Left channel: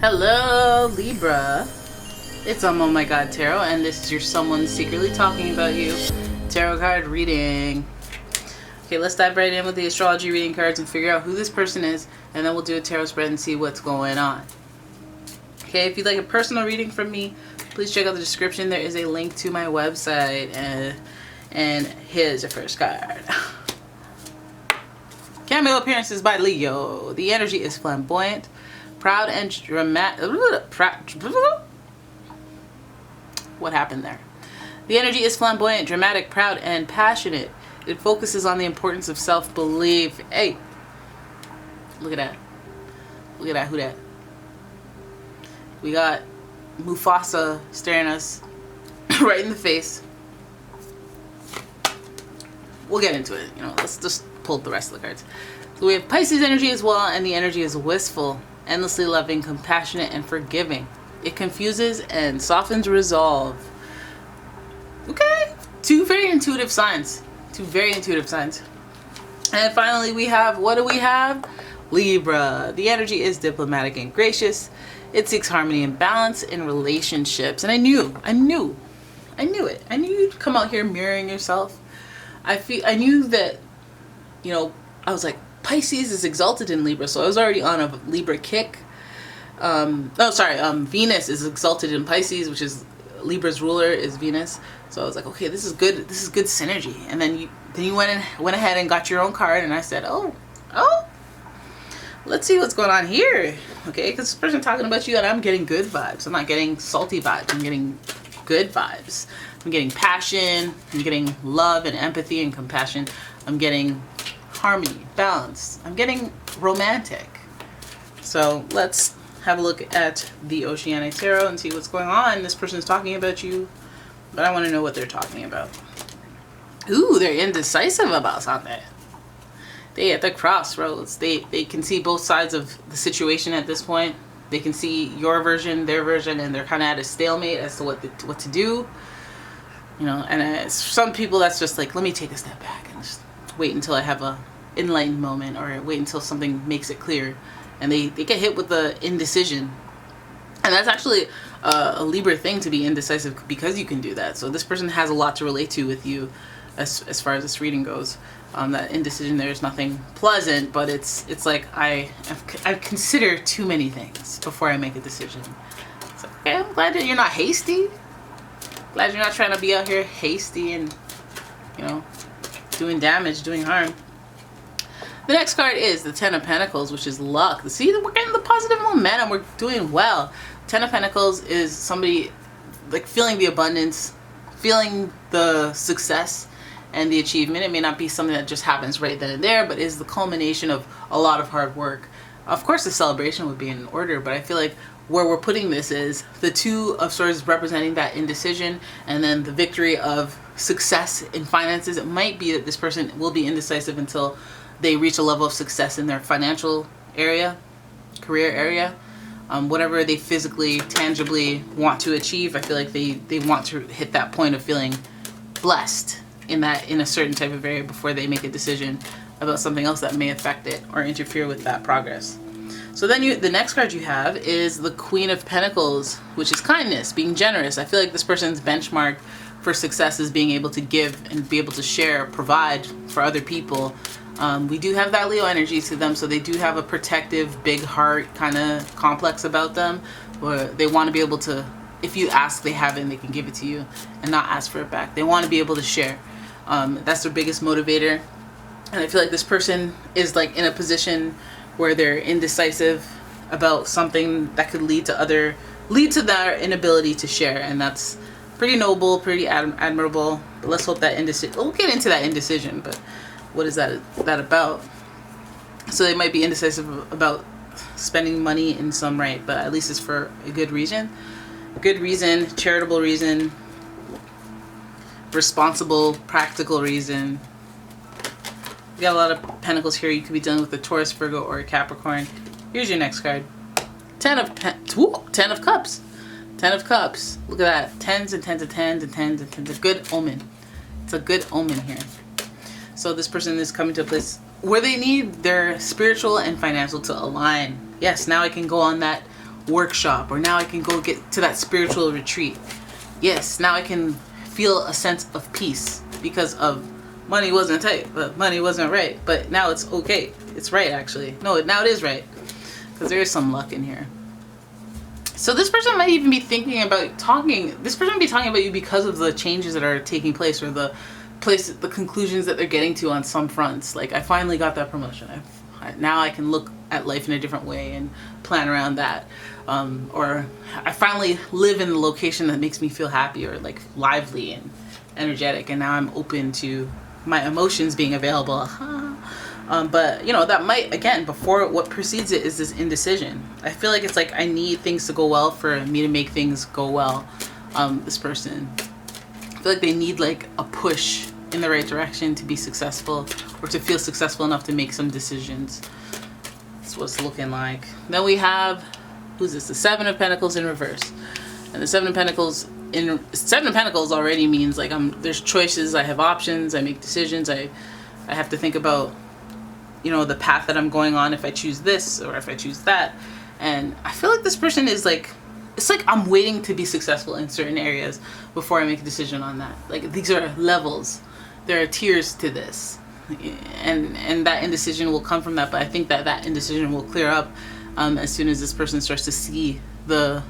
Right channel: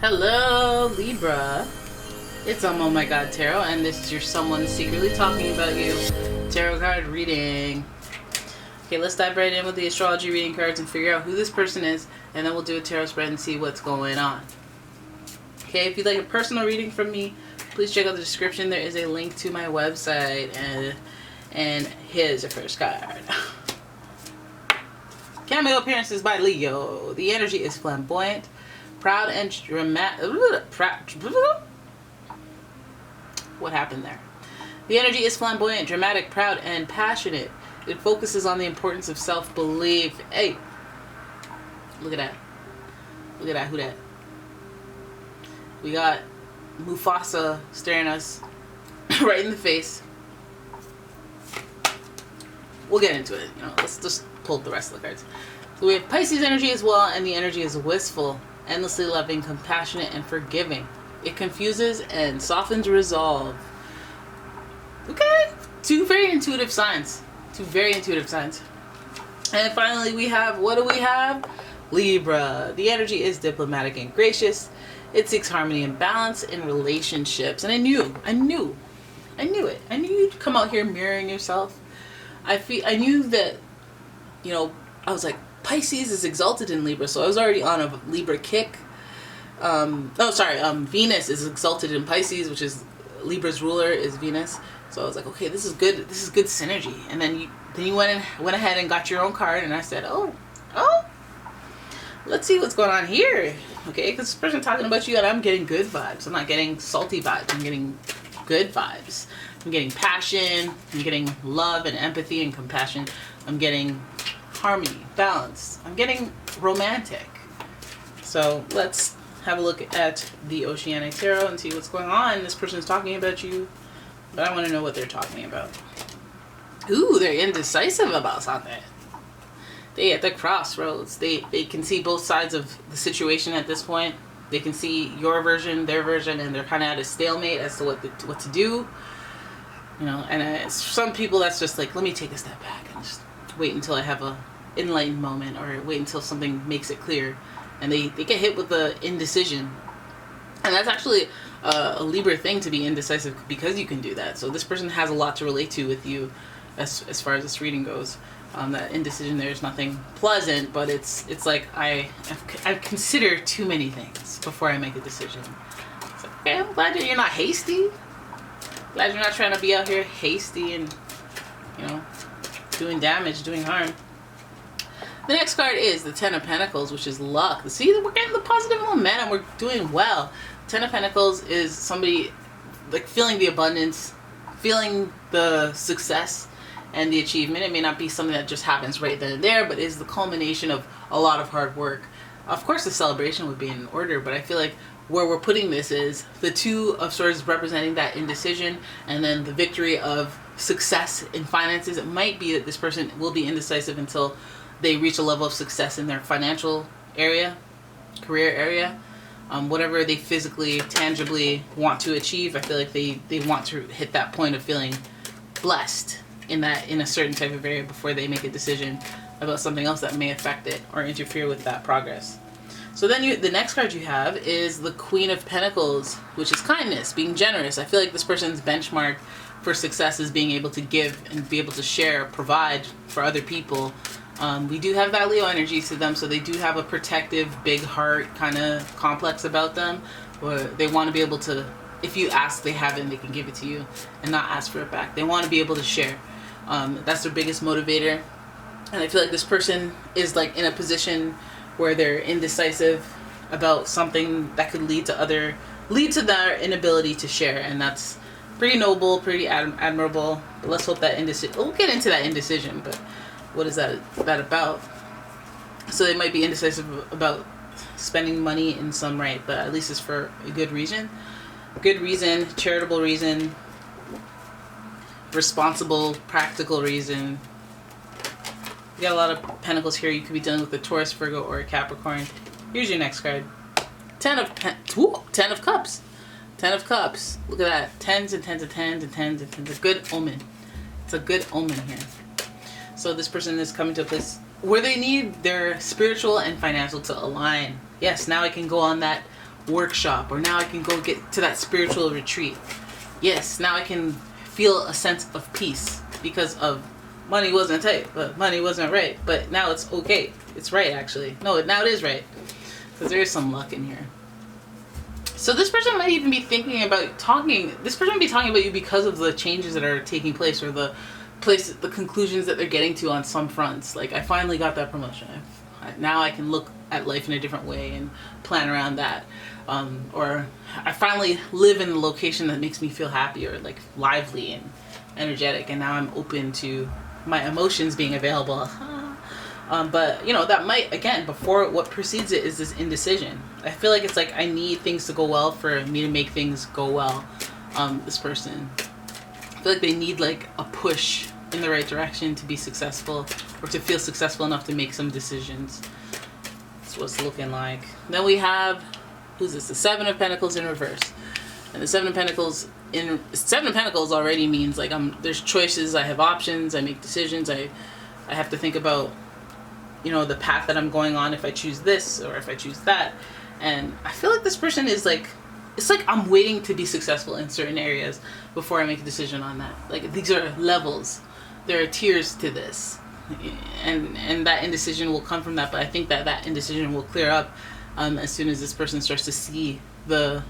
Hello, Libra. It's umomgtarot, and this is your someone secretly talking about you tarot card reading. Okay, let's dive right in with the astrology reading cards and figure out who this person is, and then we'll do a tarot spread and see what's going on. Okay, if you'd like a personal reading from me, please check out the description. There is a link to my website, and here's your first card. Cameo appearances by Leo. The energy is flamboyant, proud and dramatic. What happened there? The energy is flamboyant, dramatic, proud, and passionate. It focuses on the importance of self-belief. Hey, look at that. Look at that. Who that? We got Mufasa staring us right in the face. We'll get into it. You know, let's just pull the rest of the cards. So we have Pisces energy as well, and the energy is wistful, endlessly loving, compassionate, and forgiving. It confuses and softens resolve. Okay, two very intuitive signs. Two very intuitive signs. And then finally we have, what do we have? Libra. The energy is diplomatic and gracious. It seeks harmony and balance in relationships. And I knew it. I knew you'd come out here mirroring yourself. I knew that, you know, I was like, Pisces is exalted in Libra, so I was already on a Libra kick. Venus is exalted in Pisces, which is Libra's ruler is Venus. So I was like, okay, this is good. This is good synergy. And then you went ahead and got your own card, and I said, oh, let's see what's going on here. Okay, because this person talking about you, and I'm getting good vibes. I'm not getting salty vibes. I'm getting good vibes. I'm getting passion. I'm getting love and empathy and compassion. I'm getting harmony, balance. I'm getting romantic. So let's have a look at the Oceanic Tarot and see what's going on. This person is talking about you, but I want to know what they're talking about. Ooh, they're indecisive about something. They at the crossroads. They can see both sides of the situation at this point. They can see your version, their version, and they're kind of at a stalemate as to what to do. You know, and some people that's just like, let me take a step back and just wait until I have a enlightened moment, or wait until something makes it clear. And they get hit with the indecision. And that's actually a Libra thing, to be indecisive, because you can do that. So this person has a lot to relate to with you as far as this reading goes. That indecision there is nothing pleasant, but it's like I consider too many things before I make a decision. So, okay, I'm glad that you're not hasty. Glad you're not trying to be out here hasty and, you know, doing damage, doing harm. The next card is the Ten of Pentacles, which is luck. See, we're getting the positive momentum. We're doing well. Ten of Pentacles is somebody like feeling the abundance, feeling the success and the achievement. It may not be something that just happens right then and there, but is the culmination of a lot of hard work. Of course, the celebration would be in order, but I feel like where we're putting this is the Two of Swords representing that indecision, and then the victory of success in finances. It might be that this person will be indecisive until they reach a level of success in their financial area, career area, whatever they physically, tangibly want to achieve. I feel like they want to hit that point of feeling blessed in a certain type of area before they make a decision about something else that may affect it or interfere with that progress. So then the next card you have is the Queen of Pentacles, which is kindness, being generous. I feel like this person's benchmark for success is being able to give and be able to share, provide for other people. We do have that Leo energy to them, so they do have a protective, big heart kind of complex about them, where they want to be able to, if you ask, they have it and they can give it to you and not ask for it back. They want to be able to share. That's their biggest motivator. And I feel like this person is like in a position where they're indecisive about something that could lead to their inability to share, and that's pretty noble, pretty admirable. But let's hope that we'll get into that indecision, but what is that about? So they might be indecisive about spending money in some right, but at least it's for a good reason. Good reason, charitable reason, responsible, practical reason. You got a lot of pentacles here. You could be dealing with a Taurus, Virgo, or a Capricorn. Here's your next card. Ten of Cups. Ten of Cups. Look at that. Tens and tens and tens and tens and tens. A good omen. It's a good omen here. So this person is coming to a place where they need their spiritual and financial to align. Yes, now I can go on that workshop, or now I can go get to that spiritual retreat. Yes, now I can feel a sense of peace because of money wasn't tight, but money wasn't right. But now it's okay. It's right, actually. No, now it is right. Because there is some luck in here. So this person might even be thinking about this person might be talking about you because of the changes that are taking place, or the conclusions that they're getting to on some fronts. Like, I finally got that promotion. Now I can look at life in a different way and plan around that. Or I finally live in the location that makes me feel happy, or like lively and energetic, and now I'm open to my emotions being available. But you know, that might, again, before, what precedes it is this indecision. I feel like it's like I need things to go well for me to make things go well. This person, I feel like they need like a push in the right direction to be successful, or to feel successful enough to make some decisions. That's what it's looking like. Then we have, who's this? The Seven of Pentacles in reverse. And the Seven of Pentacles already means like there's choices, I have options, I make decisions, I have to think about, you know, the path that I'm going on, if I choose this or if I choose that. And I feel like this person is like, it's like I'm waiting to be successful in certain areas before I make a decision on that. Like, these are levels. There are tiers to this. And that indecision will come from that, but I think that indecision will clear up as soon as this person starts to see their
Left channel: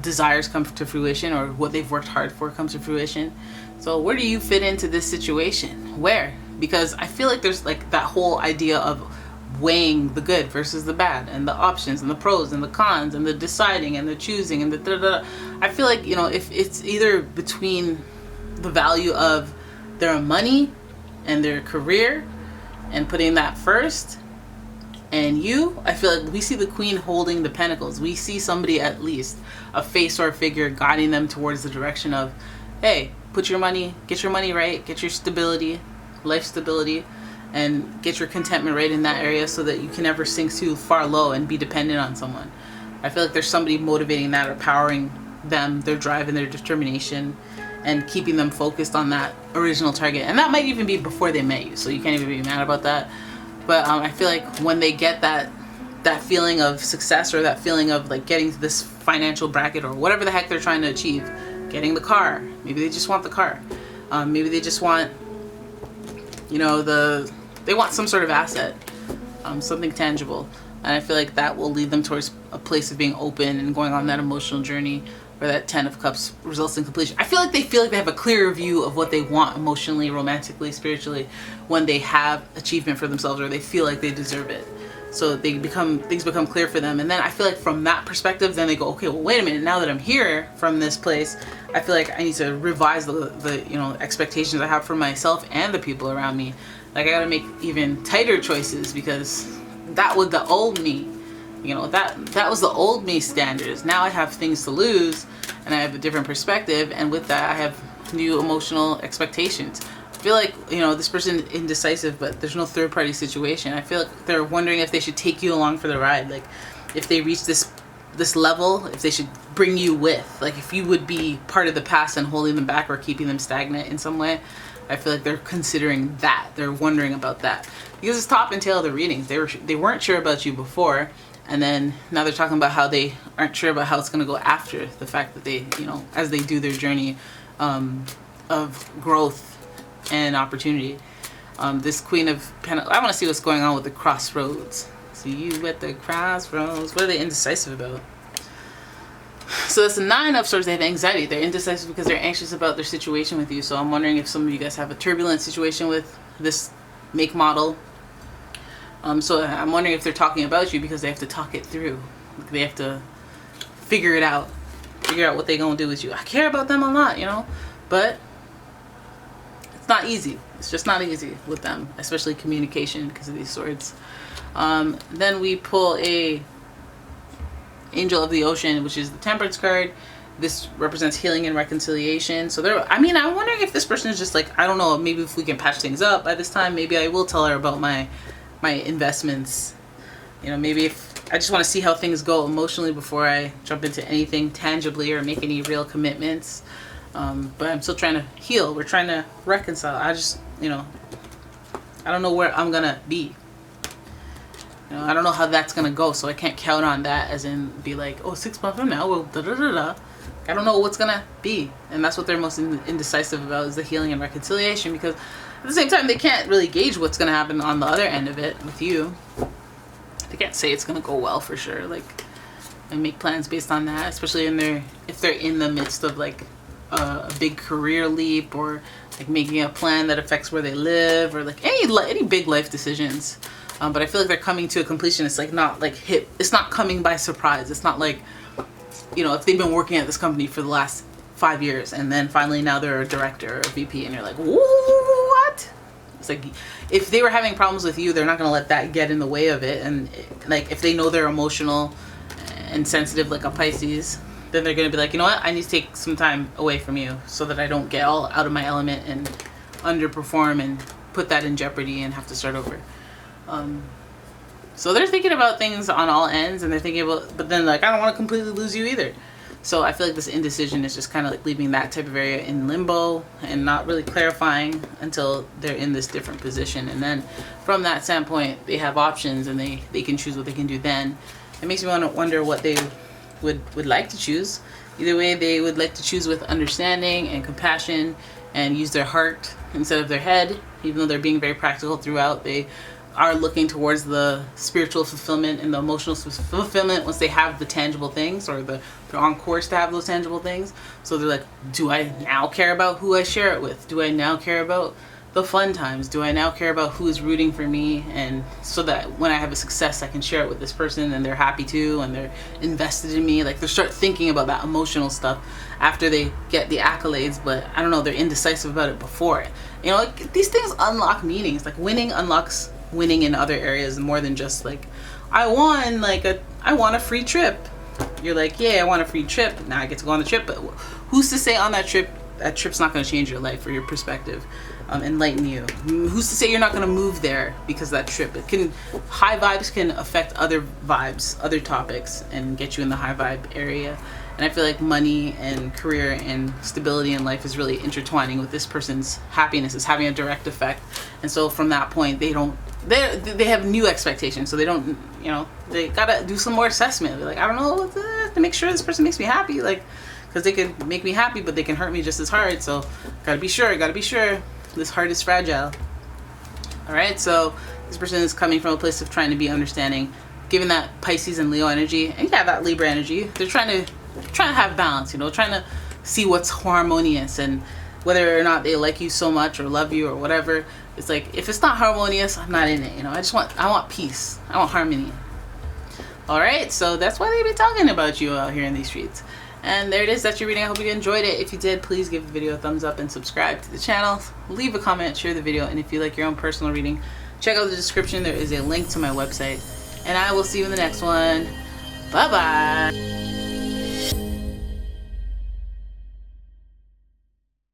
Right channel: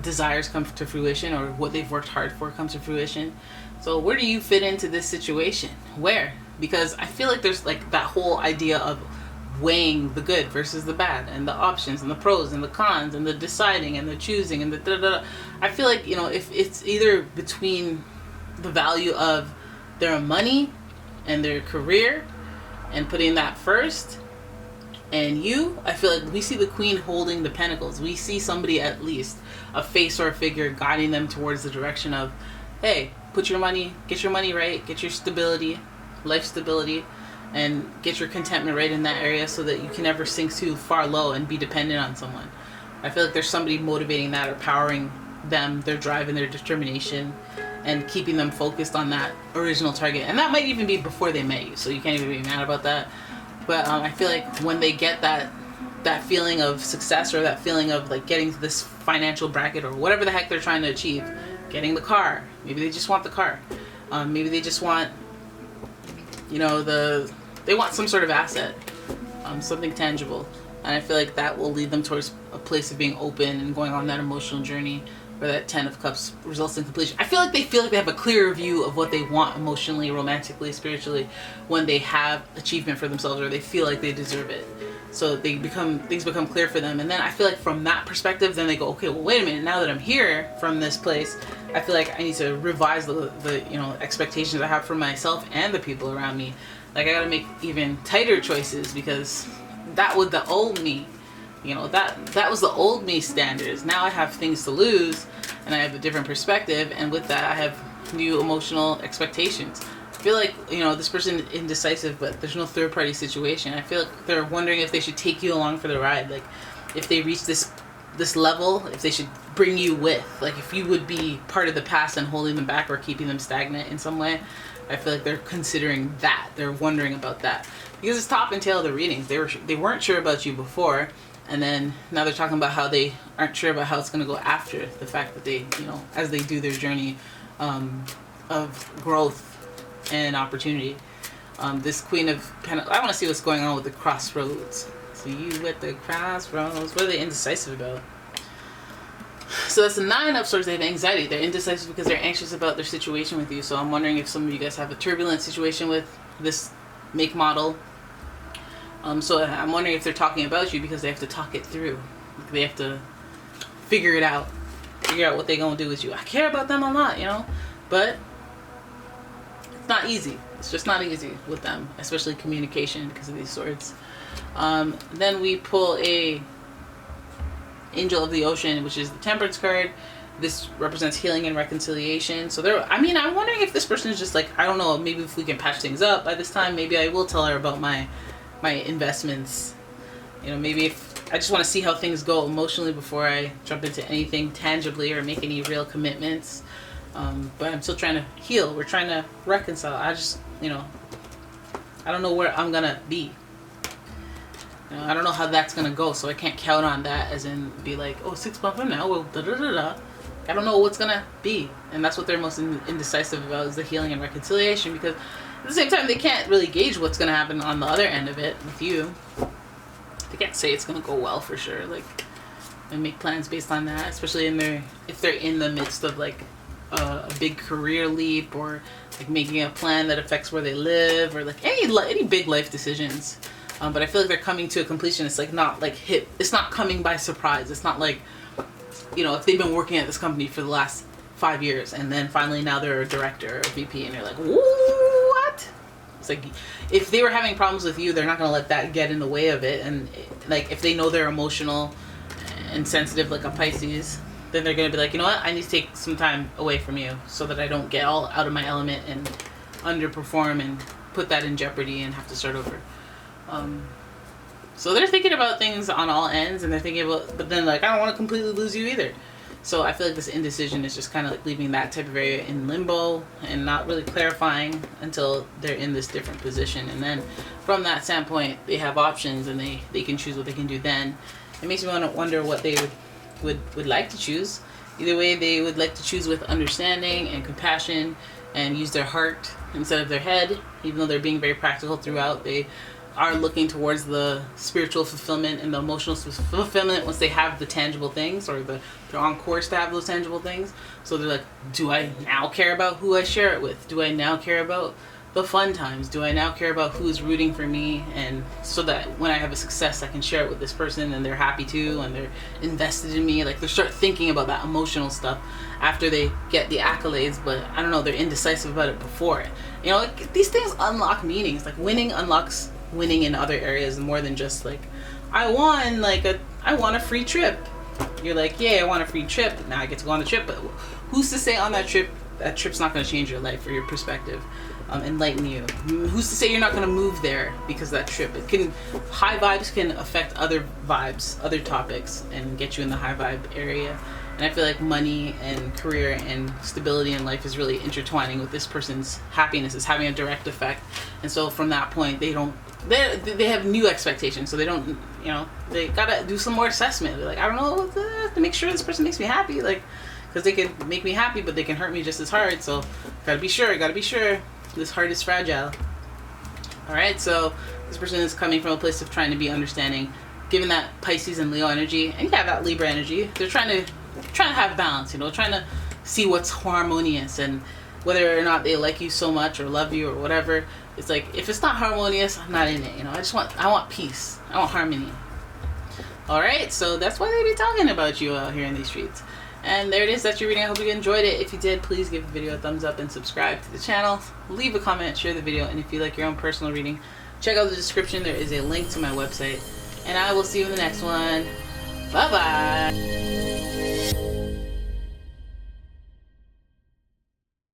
desires come to fruition, or what they've worked hard for comes to fruition. So where do you fit into this situation? Where? Because I feel like there's like that whole idea of weighing the good versus the bad, and the options and the pros and the cons, and the deciding and the choosing and the da-da-da. I feel like, you know, if it's either between the value of their money and their career and putting that first, and I feel like we see the Queen holding the Pentacles. We see somebody, at least a face or a figure, guiding them towards the direction of, hey, get your money right, get your stability, life stability, and get your contentment right in that area, so that you can never sink too far low and be dependent on someone. I feel like there's somebody motivating that, or powering them, their drive and their determination, and keeping them focused on that original target. And that might even be before they met you, so you can't even be mad about that. But I feel like when they get that feeling of success, or that feeling of like getting to this financial bracket, or whatever the heck they're trying to achieve, getting the car, maybe they just want the car, maybe they just want, you know, they want some sort of asset, something tangible. And I feel like that will lead them towards a place of being open and going on that emotional journey, where that Ten of Cups results in completion. I feel like they have a clearer view of what they want emotionally, romantically, spiritually, when they have achievement for themselves, or they feel like they deserve it. So things become clear for them. And then I feel like from that perspective, then they go, okay, well, wait a minute, now that I'm here from this place, I feel like I need to revise the you know, expectations I have for myself and the people around me. Like, I gotta make even tighter choices, because that was the old me. You know, that was the old me standards. Now I have things to lose, and I have a different perspective, and with that I have new emotional expectations. I feel like, you know, this person is indecisive, but there's no third party situation. I feel like they're wondering if they should take you along for the ride. Like, if they reach this level, if they should bring you with, like, if you would be part of the past and holding them back, or keeping them stagnant in some way. I feel like they're considering that. They're wondering about that, because it's top and tail of the readings. They weren't sure about you before, and then now they're talking about how they aren't sure about how it's going to go after the fact that they, you know, as they do their journey of growth and opportunity. This Queen of Pentacles, I want to see what's going on with the crossroads. See you at the crossroads. What are they indecisive about? So that's the Nine of Swords. They have anxiety. They're indecisive because they're anxious about their situation with you. So I'm wondering if some of you guys have a turbulent situation with this make model. So I'm wondering if they're talking about you because they have to talk it through. They have to figure it out. Figure out what they're going to do with you. I care about them a lot, you know. But it's not easy. It's just not easy with them. Especially communication because of these swords. Then we pull a Angel of the Ocean, which is the Temperance card. This represents healing and reconciliation. So I'm wondering if this person is just like, I don't know, maybe if we can patch things up by this time, maybe I will tell her about my investments. You know, maybe if I just want to see how things go emotionally before I jump into anything tangibly or make any real commitments. But I'm still trying to heal. We're trying to reconcile. I just, you know, I don't know where I'm gonna be. You know, I don't know how that's gonna go, so I can't count on that as in be like, oh, 6 months from now, well, da da da da. I don't know what's gonna be, and that's what they're most indecisive about, is the healing and reconciliation, because at the same time they can't really gauge what's gonna happen on the other end of it with you. They can't say it's gonna go well for sure, like, and make plans based on that, especially if they're in the midst of like a big career leap, or like making a plan that affects where they live, or like any big life decisions. But I feel like they're coming to a completion. It's like not like it's not coming by surprise. It's not like, you know, if they've been working at this company for the last 5 years and then finally now they're a director or a VP and you're like, what? It's like, if they were having problems with you, they're not gonna let that get in the way of it. And like, if they know they're emotional and sensitive like a Pisces, then they're gonna be like, you know what, I need to take some time away from you so that I don't get all out of my element and underperform and put that in jeopardy and have to start over. So they're thinking about things on all ends, and they're thinking about, but then like, I don't want to completely lose you either. So I feel like this indecision is just kind of like leaving that type of area in limbo and not really clarifying until they're in this different position. And then from that standpoint, they have options and they can choose what they can do then. It makes me want to wonder what they would like to choose. Either way, they would like to choose with understanding and compassion and use their heart instead of their head. Even though they're being very practical throughout, they are looking towards the spiritual fulfillment and the emotional fulfillment once they have the tangible things, or they're on course to have those tangible things. So they're like, do I now care about who I share it with? Do I now care about the fun times? Do I now care about who is rooting for me? And so that when I have a success, I can share it with this person and they're happy too and they're invested in me. Like, they start thinking about that emotional stuff after they get the accolades, but I don't know, they're indecisive about it before. You know, like, these things unlock meanings. Like, winning unlocks winning in other areas more than just like, I won a free trip. You're like, yeah, I want a free trip, now I get to go on the trip, but who's to say on that trip's not going to change your life or your perspective, enlighten you? Who's to say you're not going to move there because of that trip? High vibes can affect other vibes, other topics, and get you in the high vibe area. And I feel like money and career and stability in life is really intertwining with this person's happiness. It's having a direct effect. And so from that point, they have new expectations. So they don't, you know, they gotta do some more assessment. They're like, I don't know, to make sure this person makes me happy. Like, because they can make me happy, but they can hurt me just as hard. So gotta be sure. This heart is fragile. All right, so this person is coming from a place of trying to be understanding, given that Pisces and Leo energy, and yeah, that Libra energy. They're trying to have balance, you know, trying to see what's harmonious, and whether or not they like you so much or love you or whatever. It's like, if it's not harmonious, I'm not in it, you know. I want peace. I want harmony. All right, so that's why they be talking about you out here in these streets. And there it is, that's your reading. I hope you enjoyed it. If you did, please give the video a thumbs up and subscribe to the channel. Leave a comment, share the video, and if you like your own personal reading, check out the description. There is a link to my website. And I will see you in the next one. Bye-bye.